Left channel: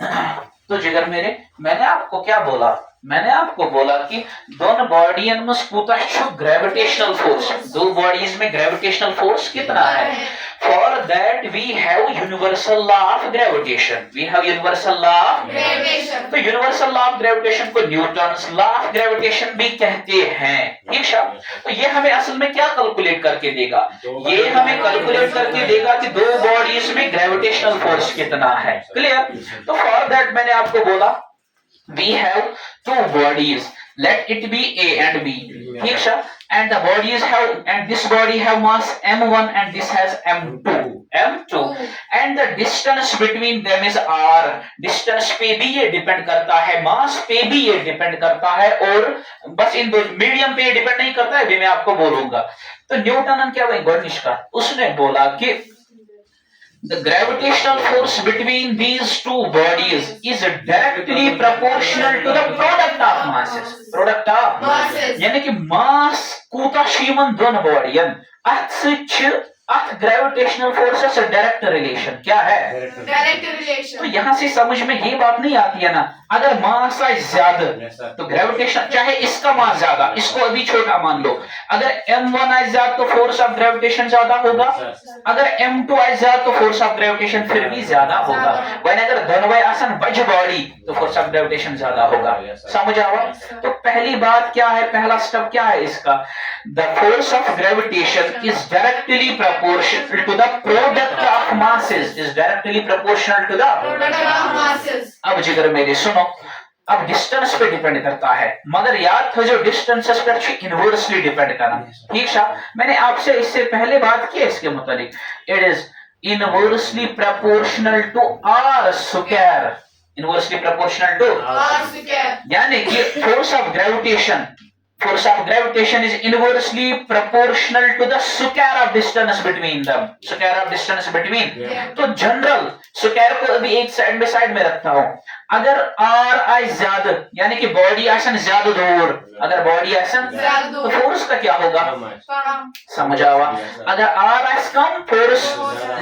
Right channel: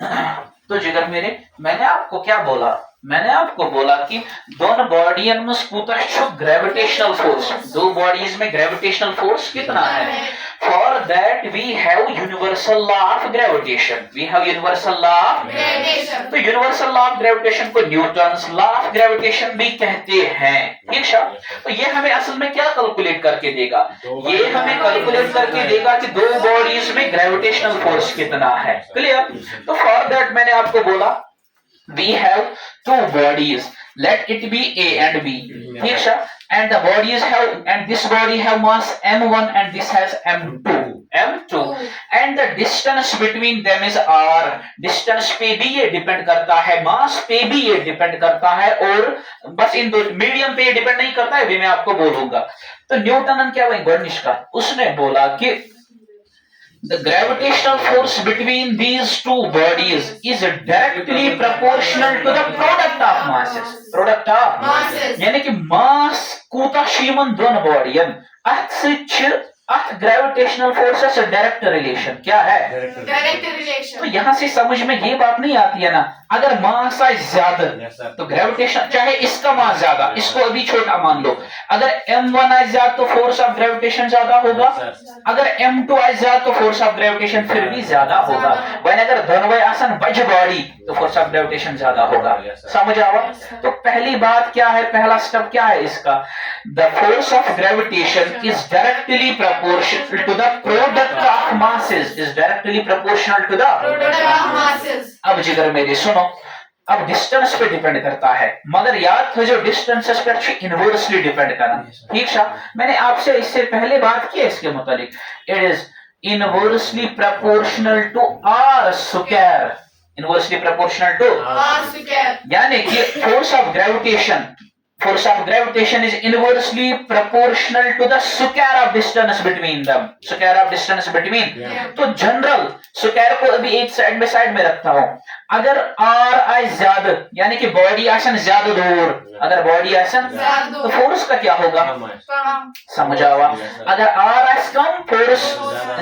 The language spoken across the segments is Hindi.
तो जिगर मेरे, मैंने आपको क्या बोला? मैंने आपको बोला कि दोनों बॉडीज में कोताह ग्रेविटेशनल फोर्स, दो बॉडीज में ग्रेविटेशनल फोर्स कितना है? For that we have universal law of gravitation, we have universal law of gravitation. तो यूनिवर्सल लॉ ऑफ ग्रेविटेशन को न्यूटन्स लॉ ऑफ ग्रेविटेशन भी कहते हैं, ठीक है? तो ये हमें असल में क्या कैलकुलेट करके देगा? ये हमें कैलकुलेट करके देगा कि दो बॉडीज में ग्रेविटेशनल फोर्स कितना है। क्लियर? तो फॉर दैट मैंने आपको बोला we have two bodies, let it be A and B, ठीक है? And the bodies have, and this body have mass m1 and this has m2 and the distance between them is r। distance पे भी ये डिपेंड करता है, मास पे भी ये डिपेंड करता है, और बस इन दो मीडियम पे डिपेंड नहीं करता है, अभी मैं आपको बोलूंगा। तो न्यूटन ने क्या गोर्निश का उसने बोला कि the gravitational force between these two bodies is directly proportional to the product of masses, product of masses, यानी कि मास कोता शीमन दोनों बॉडीज अथ ग्रेविटेशनल फोर्सेस से डायरेक्ट रिलेशन क्या है? Direct relation. तो यहां से समझ में ये बात नहीं आती है ना, अगर मास है ज्यादा तो ग्रेविटेशन, चाहे इसका मास ज्यादा, इसको अभी छोटा मान लो, अगर m1 है ज्यादा तो फोर्स ऑफ ग्रेविटेशन ज्यादा होगा, अगर m2 है ज्यादा तो फोर्स ऑफ ग्रेविटेशन फिर भी ज्यादा होगा। वहीं अगर दोनों आसन बज बॉडी तो फोर्स ऑफ ग्रेविटेशन ज्यादा होगा। समझ आवा? तो पहली बात क्या है, पहला स्टेप क्या है इसका? The force of gravitation is directly proportional to the product of masses, is directly proportional to the product of masses। अब जिगर मेरे सुनो, अब डिस्टेंस पे डिपेंड करता है, मगर याद हो जो डिस्टेंसेस पे अच्छी इनवर्सली डिपेंड करना, ठीक है? मैंने आपसे इससे पहले बात की है इसके मुताबिक, it is inversely proportional to r square, inversely proportional to r square, यानी कि force of gravitation, force of gravitation is inversely proportional to the square of distance between them, square of distance between। तो जनरल स्क्वायर को अभी एक साइड में रखता हूं, अगर r आई ज्यादा यानी कि बॉडी आसन ज्यादा दूर, अगर बॉडी आसन तो फोर्स का क्या होगा? समझ आवा? अगर r आई कम फोर्स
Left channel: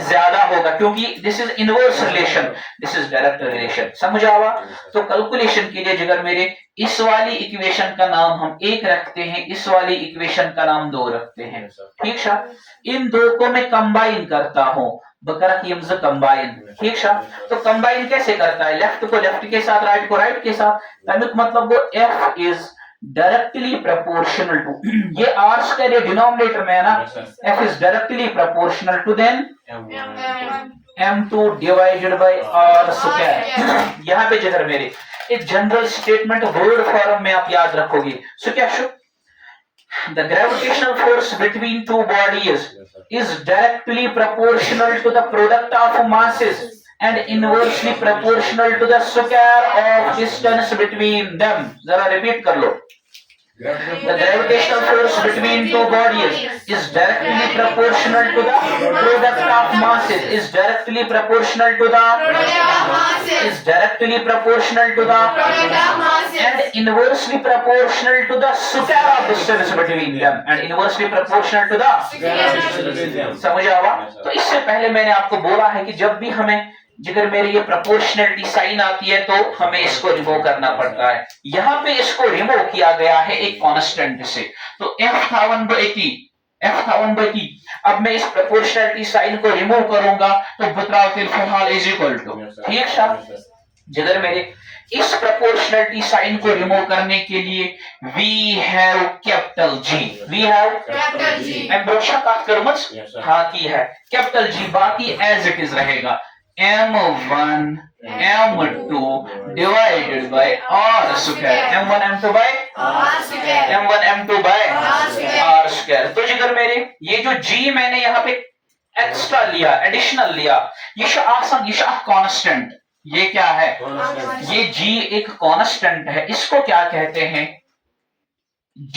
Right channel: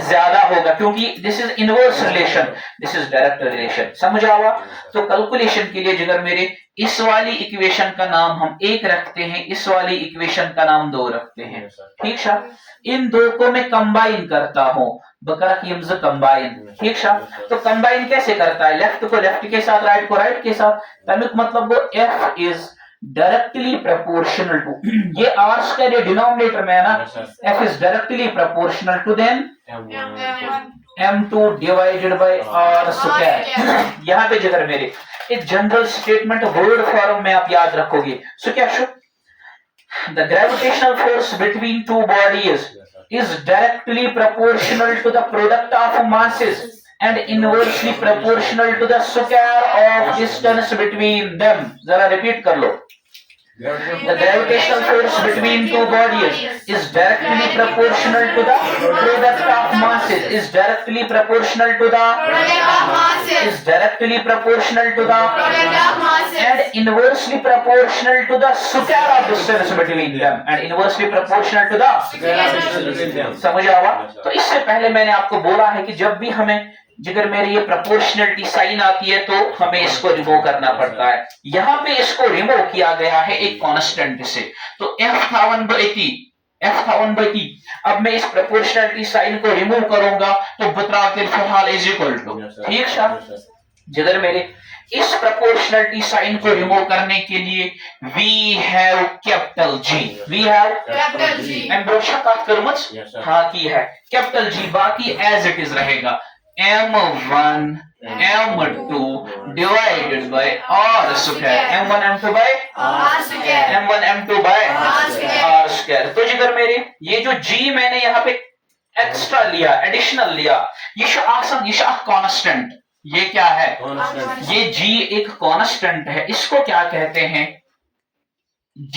ज्यादा होगा, क्योंकि this is inverse relation, this is direct relation. समझ आवा? तो कैलकुलेशन के लिए जिगर मेरे, इस वाली इक्वेशन का नाम हम एक रखते हैं, इस वाली इक्वेशन का नाम दो रखते हैं, ठीक है? इन दो को मैं कंबाइन करता हूं, बकरा की हमजा कंबाइन, ठीक है? तो कंबाइन कैसे करता है? लेफ्ट को लेफ्ट के साथ, राइट को राइट के साथ, मतलब वो f is directly proportional to, ये r स्क्वायर डिनोमिनेटर में है ना, f is directly proportional to then m2 divided by r square. यहां पे जिगर मेरे एक जनरल स्टेटमेंट वर्ड फॉर्म में आप याद रखोगे, सो क्या show? The gravitational force between two bodies is directly proportional to the product of masses and inversely proportional to the square of distance between them। जरा रिपीट कर लो। The gravitational force between two bodies is directly proportional to the product of masses, is directly proportional to the is directly proportional to the and inversely proportional to the square of distance between them, and inversely proportional to the समझ आवा? तो इससे पहले मैंने आपको बोला है कि जब भी हमें जिगर मेरे ये प्रोपोर्शनलिटी साइन आती है तो हमें इसको रिमूव करना पड़ता है। यहाँ पे इसको रिमूव किया गया है एक कांस्टेंट से, तो f था 1/t। अब मैं इस प्रोपोर्शनलिटी साइन को रिमूव करूंगा तो बतराव के फिलहाल इज इक्वल टू, ठीक है? जिगर मेरे इस प्रोपोर्शनलिटी साइन को रिमूव करने के लिए we have capital G, we have capital G, मैं बोशा का करमच हाँ की है कैपिटल G, बाकी एज इट इज रहेगा m1 m2 divided by r square, m1 m2 by r square, m1 m2 by r square। तो जिगर मेरे ये जो g मैंने यहाँ पे एक्स्ट्रा लिया, एडिशनल लिया, ये कांस्टेंट, ये क्या है? ये g एक कांस्टेंट है, इसको क्या कहते हैं?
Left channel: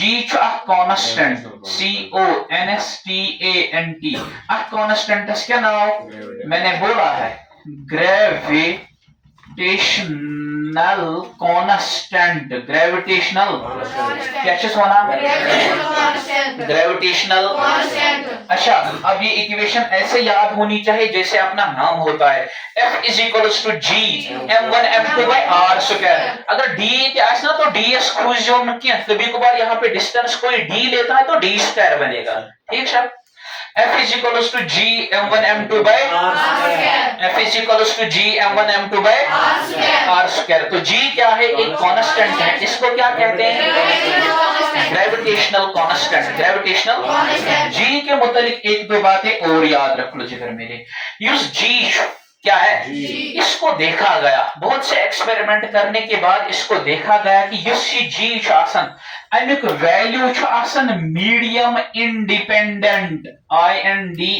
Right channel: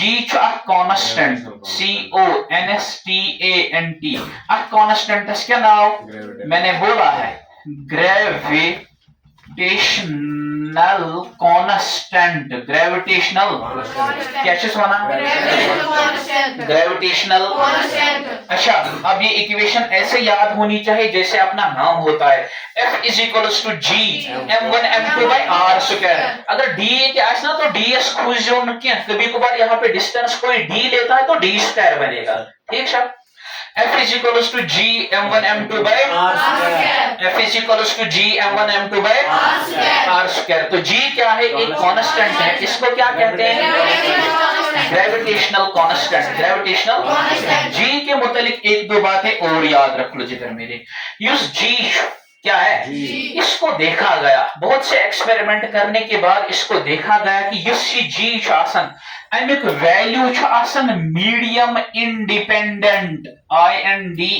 G कांस्टेंट, CONSTANT, कांस्टेंट क्या नाम मैंने बोला है? ग्रेविटेशनल कांस्टेंट ग्रेविटेशनल क्या चीज बना ग्रेविटेशनल। अच्छा, अब ये इक्वेशन ऐसे याद होनी चाहिए जैसे अपना नाम होता है, F is equals to G m1 m2 by r square. अगर d क्या है ना तो ds खोज जो कभी कभार यहाँ पे डिस्टेंस कोई d लेता है तो d स्क्वायर बनेगा, ठीक है। F is equals to G m1 m2 by r square। F is equals to G m1 m2 by r square। तो G क्या है, एक कांस्टेंट है, इसको क्या कहते हैं ग्रेविटेशनल कांस्टेंट। ग्रेविटेशनल G के मुतालिक एक दो बातें और याद रख लो जिधर मेरे, यूज G क्या है, इसको देखा गया बहुत से एक्सपेरिमेंट करने के बाद इसको देखा गया कि युसी जी आसन अमिक वैल्यू आसन medium independent INDEPENDENT।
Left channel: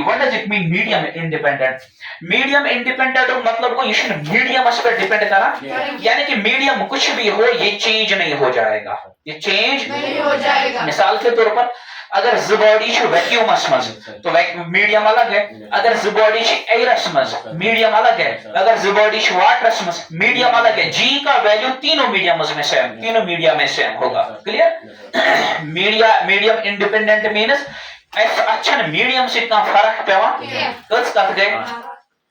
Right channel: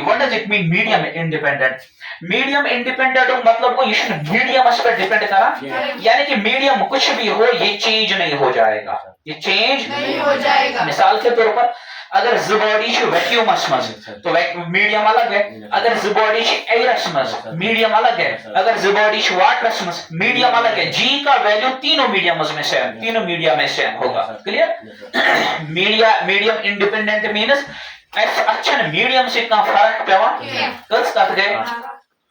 What does it mean medium independent? Medium independent मतलब को मीडियम पर डिपेंड करा, यानी कि मीडियम कुछ भी हो ये चेंज नहीं हो जाएगा, ये चेंज नहीं हो जाएगा। मिसाल के तौर पर अगर ज बॉडी वैक्यूमस मज तो मीडियम अलग है, अगर ज बॉडी एयरस मज मीडियम अलग है, अगर ज बॉडी वाटरस मज मीडियम अलग है। जी का वैल्यू तीनों मीडियम में सेम, तीनों मीडियम में सेम होगा, क्लियर। मीडियम इंडिपेंडेंट मीन्स अच्छा मीडियम से का फर्क पेवा कच कत गए।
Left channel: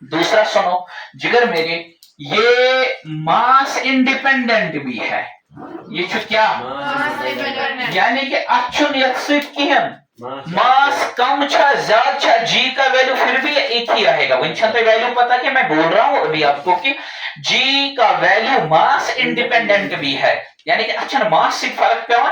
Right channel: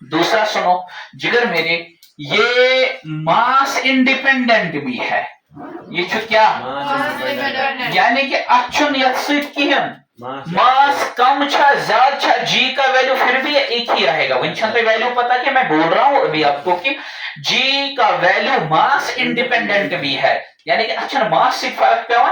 दूसरा सुनो जिगर मेरे, ये मास इंडिपेंडेंट भी है, ये क्या यानी कि अच्छुन मास कम छा ज्यादा छा जी का वैल्यू फिर भी एक ही रहेगा। वंशन पे वैल्यू पता कि मैं बोल रहा हूं अभी आपको कि जी का वैल्यू मास इंडिपेंडेंट भी है, यानी कि अच्छा मास से फर्क पेवा।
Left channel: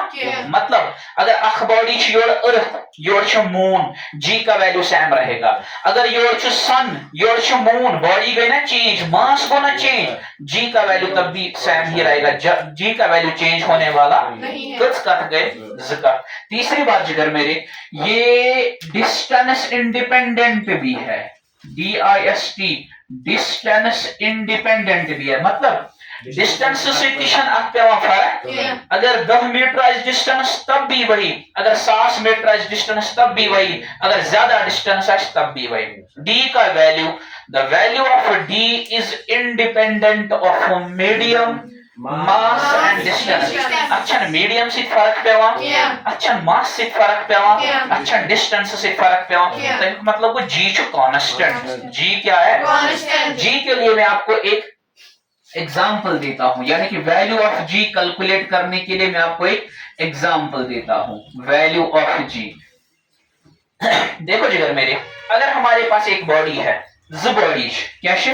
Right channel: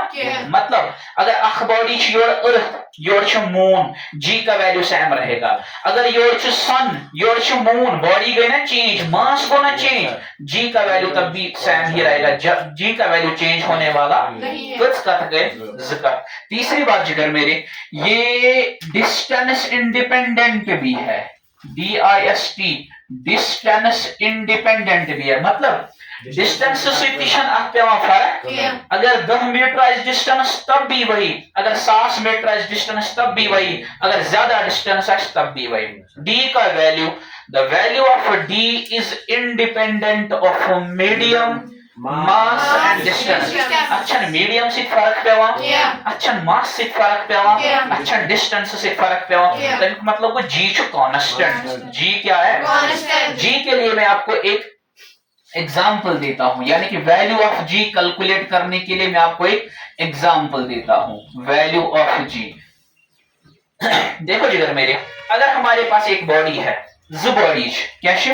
मतलब अगर अख body your earth your moon g का वैल्यू सेम रहेगा, अगर your sun your moon body गई ना चेंज, मास को ना चेंज, जी का वैल्यू तब भी सेम ही रहेगा, जी का वैल्यू चेंज होने वाला गए। तीसरी बात जिगर मेरे, ये डिस्टेंस इंडिपेंडेंट भी है, DIST डिस्टेंस इंडिपेंडेंट भी है। मतलब डिस्टेंस से फर्क, अगर 10 मीटर डिस्टेंस तब भी वही, अगर 7 मीटर डिस्टेंस तब भी वही, अगर ज्यादा डिस्टेंस है तब भी वही। डी का value, the value of D is independent of medium mass and distance. अच्छा मीडियम से फर्क पेवा, अच्छा मास से फर्क पेवा, अच्छा डिस्टेंस से फर्क पेवा, तो मतलब को जी कांस्टेंट। जी क्या है, जी के लिए मैं आपको एक एग्जाम्पल देता हूं, यानी कि वैल्यू ऑफ जी कैलकुलेट करने के लिए मैं आपको एक एग्जाम्पल देता हूं। वैल्यू ऑफ जी देखो जिगर मेरे, अगर हमारे पास एक बॉडी है ज बॉडी कैसे,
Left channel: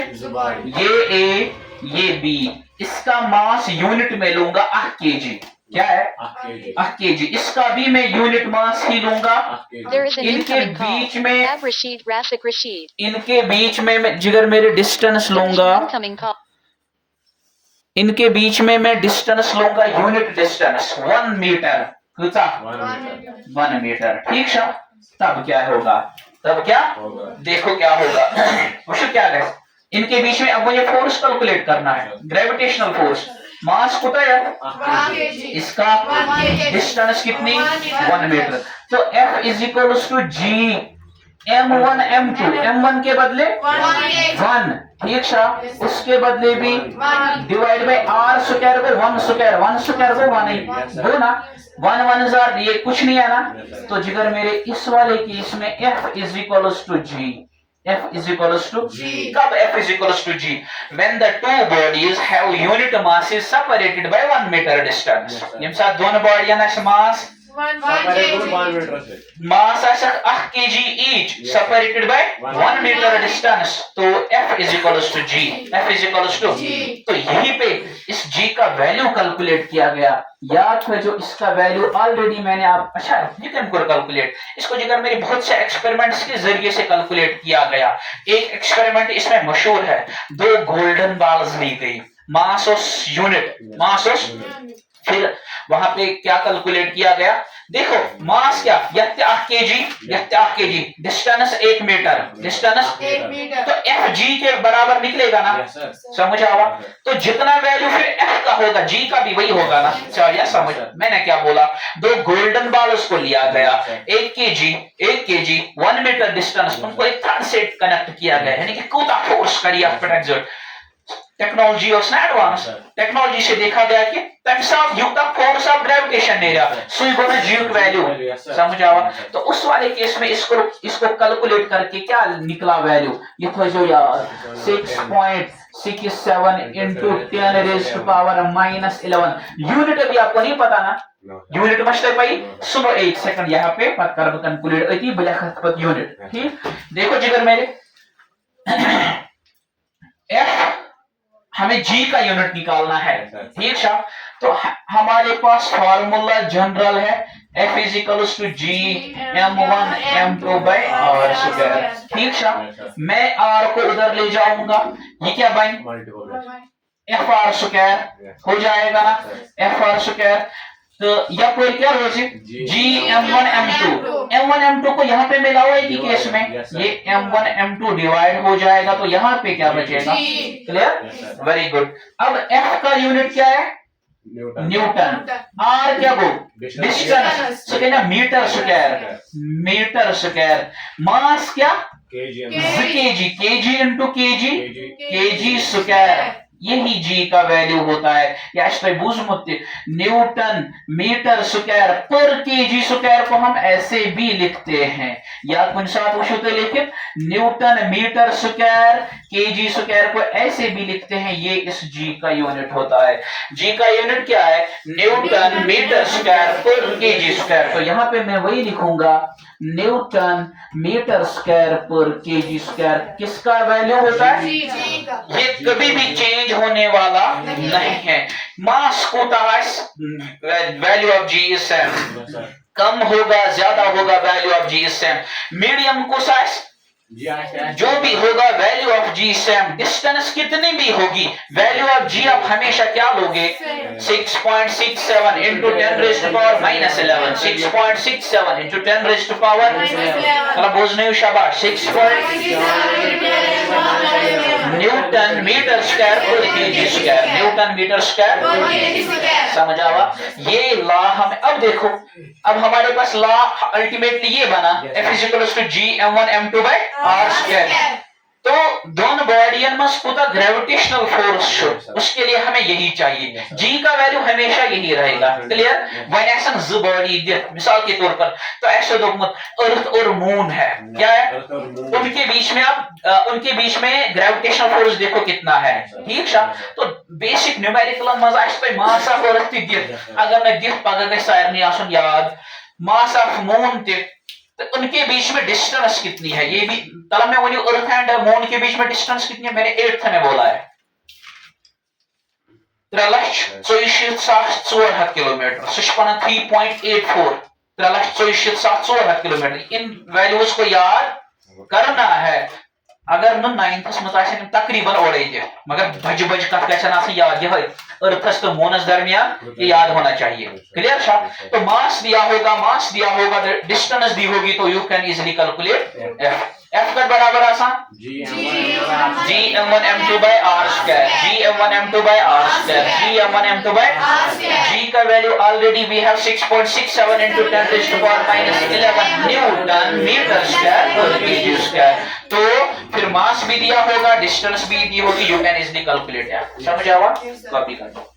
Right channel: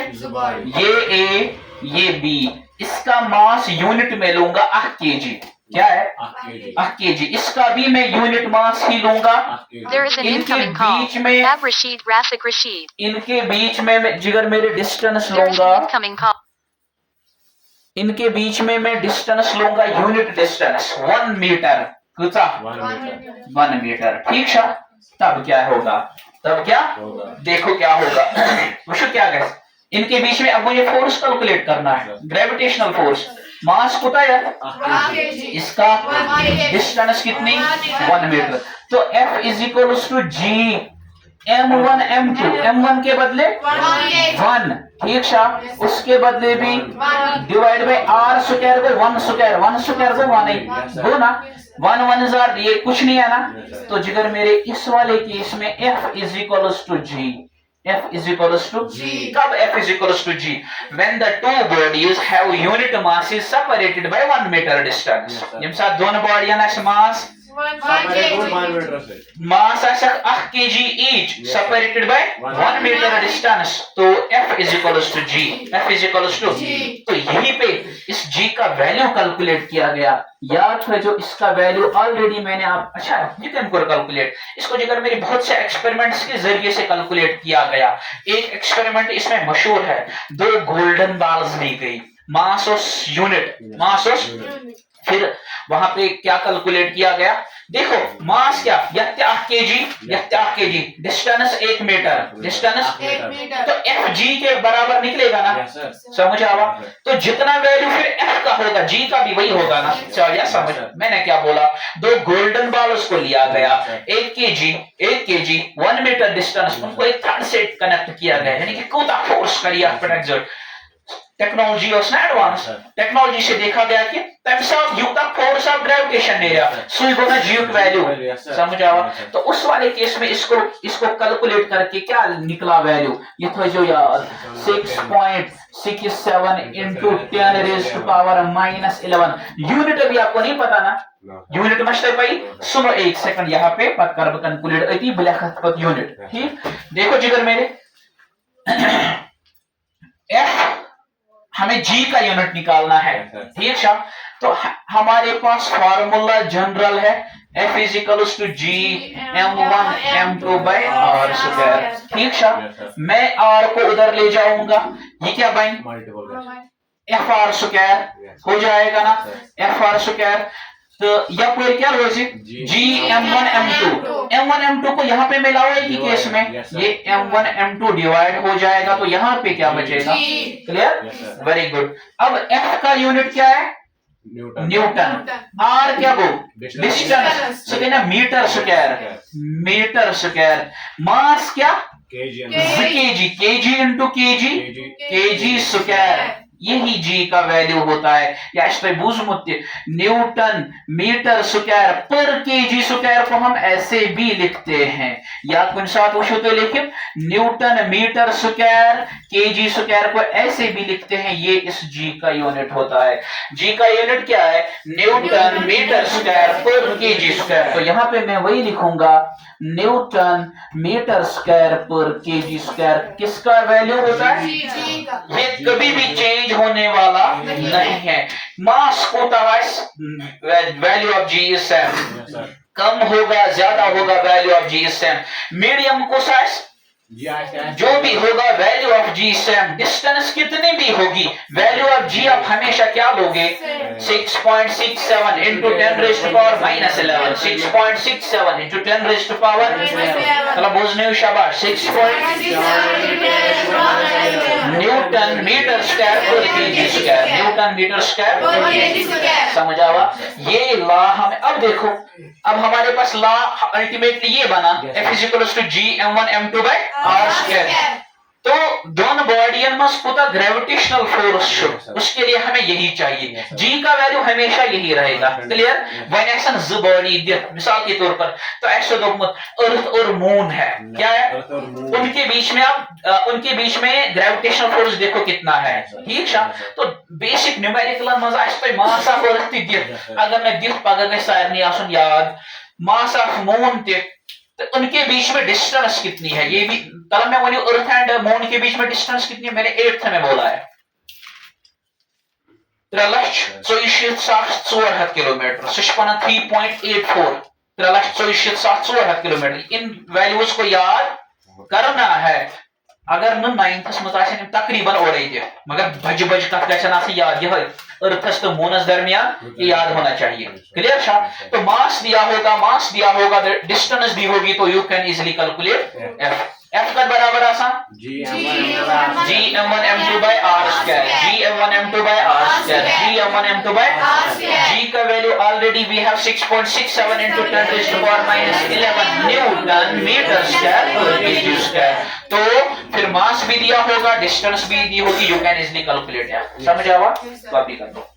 ये ए ये बी, इसका मास यूनिट में लूंगा 8 kg, क्या है 8 kg, इसका भी मैं यूनिट मास ही लूंगा। इनके बीच में मैं जिगर मेरे डिस्टेंस लूंगा, इनके बीच में मैं डिस्टेंस लूंगा यूनिट डिस्टेंस 1 मीटर, 1 मीटर, ठीक है। तब क्या होगा, तब क्या देखो क्या होगा वो क्या है, इनके बीच में अब मुझे फोर्स कैलकुलेट करना है, ग्रेविटेशनल फोर्स। मास कितना है, इसका डिस्टेंस कितनी 1 मीटर, तो F is equal to G m1 m2, m1 के बदले 1, ठीक है, उसके बदले भी डिवाइड बाय r स्क्वायर को 1 स्क्वायर को 1 ही हो ना, 1 1 जार ये कुछ नहीं है ना। तो जिगर मेरे इस वाले केस में F is equals to G, F is equals to G। कब F is equals to G? When the two bodies have unit masses separated by 1 meter distance। यम साथ दोनों बॉडियां ना मास 1 kg each separated by 1 meter distance, तो F is equals to G, F is equals to G। तो यहीं पे इस G का वैल्यू कैलकुलेट किया गया, याद है जो इसका वैल्यू ऑलरेडी मैंने आप अच्छा ये कैलकुलेट, इसको जिगर मेरे बहुत से एक्सपेरिमेंट्स के जरिए से कैलकुलेट किया गया। एक एक्सपेरिमेंट इसमें मशहूर है, 2 गोल्डन बॉल्स ली गई, मास ऑफ यूनिट, फिर वहां पे क्या कैलकुलेट किया गया, देखो मास क्या 8 kg, डिस्टेंस 1 मीटर, तो एफ जी के बराबर निकलेगा ना, समझ आवा। तो जितना वैल्यू फिर एफ का होगा जी का भी वही होगा ना, चलिए समझ मैंने क्या बोला। 2 गोल्डन बॉल्स को लिया गया, 1 kg 1 मीटर डिस्टेंस, उनको एक थर्ड से कनेक्ट किया गया, यानी कि कोता फोर्स करिए टेक्नोलॉजी और एडवांस टेक्नोलॉजी से देखा गया कि तम साफ युक्ता फोर्स ऑफ ग्रेविटेशन नेरा सुई गोना जीक वैल्यू समझ आवा। तो उस वाले केस में इसको कैलकुलेट करके क्या निकला वैल्यू ये थो जो याद 6.67 into 10 raised to power -11 unit अभी आपको नहीं पता ना यूनिट मस्टर भाई सुनो एक सेकंड यहाँ पे पत कर कैलकुलेट अति ब्लैक पत यूनिट ठीक देखो जिगर मेरे एफ हमें जी का यूनिट निकालना है ठीक है। तो हमारे पास फार्मूला जनरल है F is equals to G m1 m2 by r square ठीक है। मैं r को उधर ले जाऊंगा ये क्या बन एफ आर स्क्वायर हो जाएगा ना एफ आर स्क्वायर। तो या फिर क्या हो जी m1 m2 को यहाँ पे मिला हुआ है कि केस में ये m1 m2 डिवाइड हो जाएगा तो यहाँ पे क्या बचेगा क्लियर वेरी गुड। अब f का यूनिट क्या है न्यूटन r क्या वो डिस्टेंस तो कहना मीटर स्क्वायर मास क्या केजी इंटू केजी स्क्वायर यही जी का वैल्यू होता है या Newton metre square per KG square को हम ऐसे भी लिखते हैं या कुछ साथ वो तो लेकिन newton metre square KG square को ऐसे भी लिखते हैं ये इस जी का यूनिट होता है। जी का यूनिट क्या है Newton metre square per KG square. तो यहाँ पे मैं वही लिखूंगा Newton metre square per KG square किसका वैल्यू होता है ये कभी भी चेंज होने वाला नहीं है। मास को value of g is same कम होगा ज्यादा होगा value of g is same. Medium को साइज जो भी होगा value of g same distance कितनी भी होगी वैल्यू ऑफ जी आप हमेशा क्या लोगे 6.67 into 10 raised to power -11 6.67 into 10 raised to power मतलब बोझने शाबाश 6. Newton metre square per KG square newton metre square समझ आवा। ये लॉ हमें अब देखो अब हमारे पास लॉ अल्टीमेटली ये बना F is equals to G m1 m2 by r square। तो दोनों बॉडियन में पुता ग्रेविटेशनल फोर्स उसके लिए हमें यही चाहिए जी का वैल्यू हमेशा यही रहेगा क्लियर। वन ऐसा ज बॉडी मिसाल के तौर पर तो ऐसे अर्थ और मून है क्या है उनके बीच में आप उनके बीच में ग्रेविटेशनल फोर्स देखो कितना है ठीक है। तो बेसिक न्यूमेरिकल मजा मास ऑफ अर्थ अगर मैं दिख पगह सारे आसन याद मास ऑफ मून तो उनके बीच में डिस्टेंस कितनी है ये भी तलब मैं वही अर्थ एंड मून के बीच में डिस्टेंस कितनी है मैंने 8th में बोला है 3,44,400 किलोमीटर 3.84 3,44,400 किलोमीटर। इन वैल्यूज को याद करना है अगर न 9th में तकरीबन और मगर बज कत याद यह अर्थस तो मूनस दरमियान ये याद होना चाहिए क्लियर शा। तो मास दिया होगा डिस्टेंस दी होगी तो you can easily calculate F का बराबर आसान जी m1 m2 by r square ji m1 m2 by r square ji m1 m2 by G का value already we have 6.67 into 10 raised to power -11 newton metre square per KG square. तो फिर मास भी दिया होगा डिस्टेंस भी दी होगी यू कैन इजिली कैलकुलेट समझ आवा। कॉपी कर दो।